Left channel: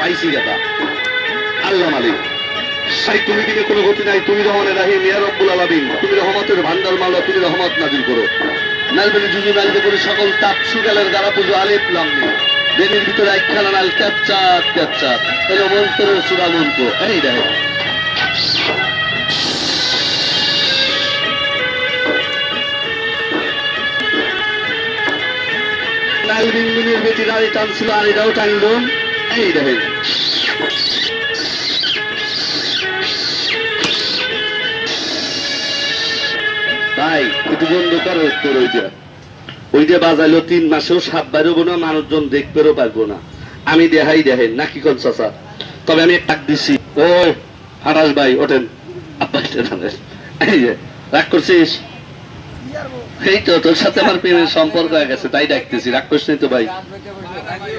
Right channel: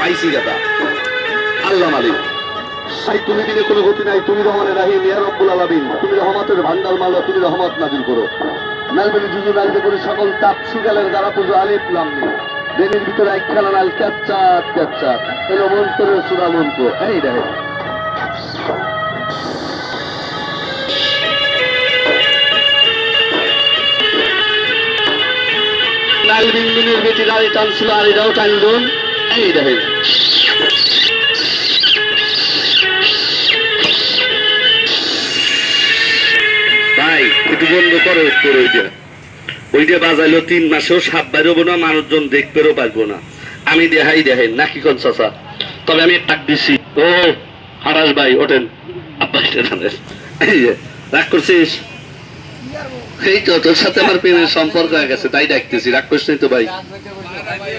পাইছি দাদা আল্লাহ মালিক তুমি দিনে কোনো গতি নাই, তুমি রহমানের রাহিম ইয়া রব্বুল আলামিন, তুমি রহমতের ভান্ডার মাওলা, তুমি রহমত নাজিল করো। নালবেনি জুজু নালতে করে সকল তাপ সুগালের গারা পুজো আলিফ লাম মিম দেনের ভিতরে একখানা নাল ক্যাপচার ক্যাপচার এর মন্ত্রের সূরা মন্ত্র এই দেখো নালবিন মিনের বেটি গাড়ি টানছিল আর এটাও টানলুম এই দেখো ভাই একটু বন্ধ করো তোর ওইটা বাজাইলো 3 মাসেও সাপ বাইরবো না, মানুষজন দেখতেও পারবো না। আমি দেখেন নাকি কোন চাচা, তবে আমি ডাক দিছি ও হারাস ভাই ওঠেন আব্বা এই যে রাগ করছিস, এই তো তোর সাথে আমার প্রেমের সম্পর্ক হয়ে গেছে তাই ডাকতেছি, রাগ করছিস তো ভাই।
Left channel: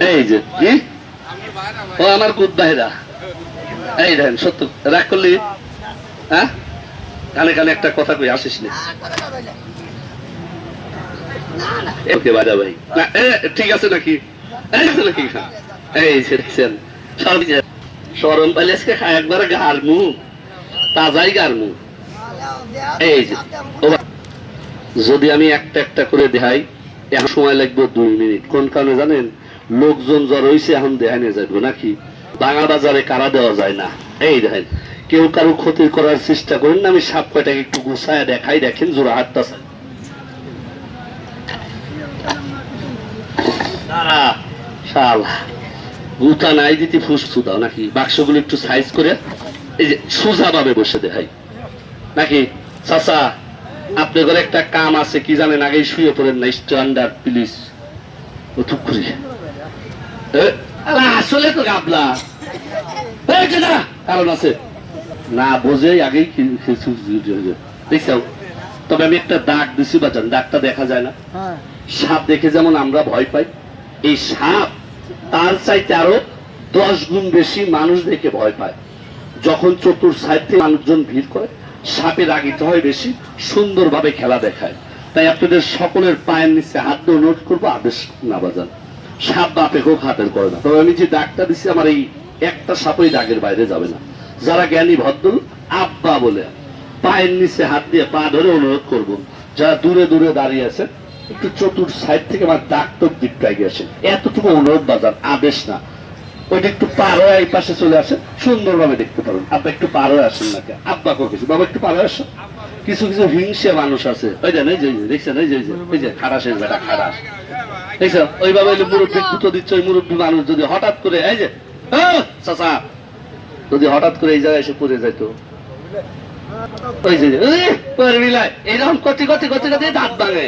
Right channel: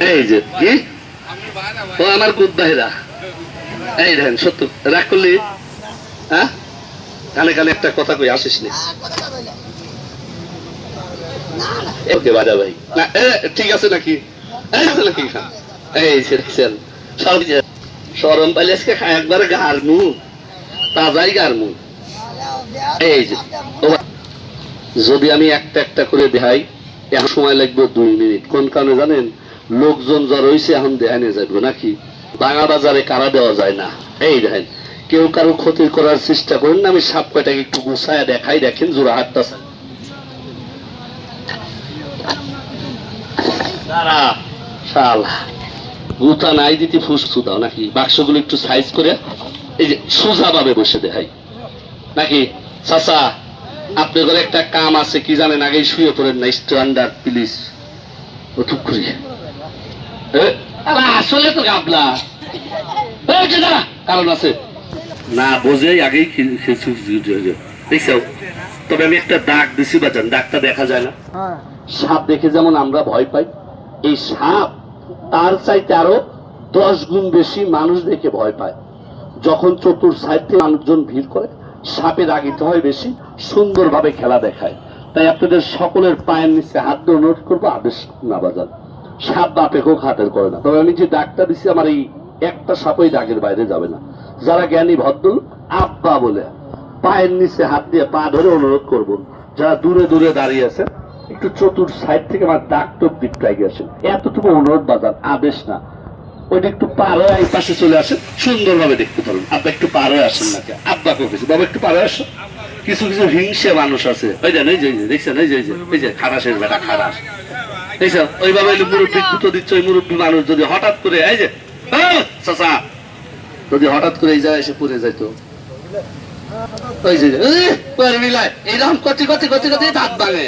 এই যে কি ও আমার কুদ ভাইরা এই দেখেন সত্য রাগ করলি হ্যাঁ, কানে কানে একটা কথা কই আসিস না ভাই ঠিক আছে নাকি এই দেখছেন সরম পাইলে আজকে একবারে গারমু তাজাই গারমু। এই যে যদি আমি একটা একটা করে দেখাই এখন সময় লাগবে 2 মিনিট, কোন কারণে জানেন? লোকজন যা রয়েছে এখন দেখানো যাবে নাকি, বাঙা বাজারে কারা দেওয়া যায় না। এই দেখেন কেউ কারো ক্ষতি করার চেষ্টা করেন না, আমি সাপ কয়টাকে একটু গুছায় দেখাই, দেখেন জোড়া হাতটা গুতা নাই দিতে ফুসফু দাও নাকি, বাক্সগুলো একটু সাইজ করে এই যে সোজা ভাবে বসে দেখাই নাকি। চাচা আপনার ঘরে একটা কাম আছে কি জানেন, আগে শুয়ে পড়েন না, স্ট্যান্ডার্ড প্লিজ ওটুক করি আসলে তো গাবলা কারণ আছে না বোঝে আগেই দেখছাও। তবে আমি একটা দাগ দিছি বাজান, দাগটা দেখা যায় না। সাপ দেখে যেমন আমরা ভয় পাই, এই সাপ তার চাইতে আরো 10 গুণ বেশি মানুষ দেখে ভয় পায়। যখন চতুর সাইড থেকে মানুষজন ভিড় করে সাপের আগিতে হয় বেশি, সুন্দরভাবে খেলা দেখায়। তাই আপনাদের সকলের পায়ের নিচে হাত দিয়ে অনুরোধ করবো আদেশ না বাজান, সাপ বাপে হোক হাতের করে না। তবে আমি যে দাগটা দিচ্ছি আমার এই একটা সাপ ওই দাগের বাইরে যাবে না। যারা জ্ঞানী ভদ্র আব্বা বলে পায়ের নিচে হাত দিয়ে পা ধরে অনুরোধ করবো, যারা দূরে দূরে দাঁড়িয়ে আছে একটু চতুর সাইড থেকে আমার দাগ টোক দিকটা গিয়ে আসে, এতটুকু অনুরোধ বাজার আদেশ না। ওইটা একটু পার হয়ে এই পাশে চলে আসে, সুন্দরভাবে দেখতে পারুন। আব্বা একটু পার হয়ে আসেন নাকি, আব্বা করেছে বাবা একটু পার হয়ে আসো। কিছু কিছু হিংসে মানুষ আছে ওই যে এই যে দেখছেন এই যে এই যে খারাসের বেটা খারাস দেখছেন, ওইভাবে মুরব্বী গুঁতো দিচ্ছে। ওই মুরব্বী মানুষ যদি হঠাৎ করে এই যে চাচা যদি হঠাৎ করে এই জায়গায় এসে পড়ে যাইতো ওই যে এরকম কচি কচি কচি কচি দাঁত ভাঙে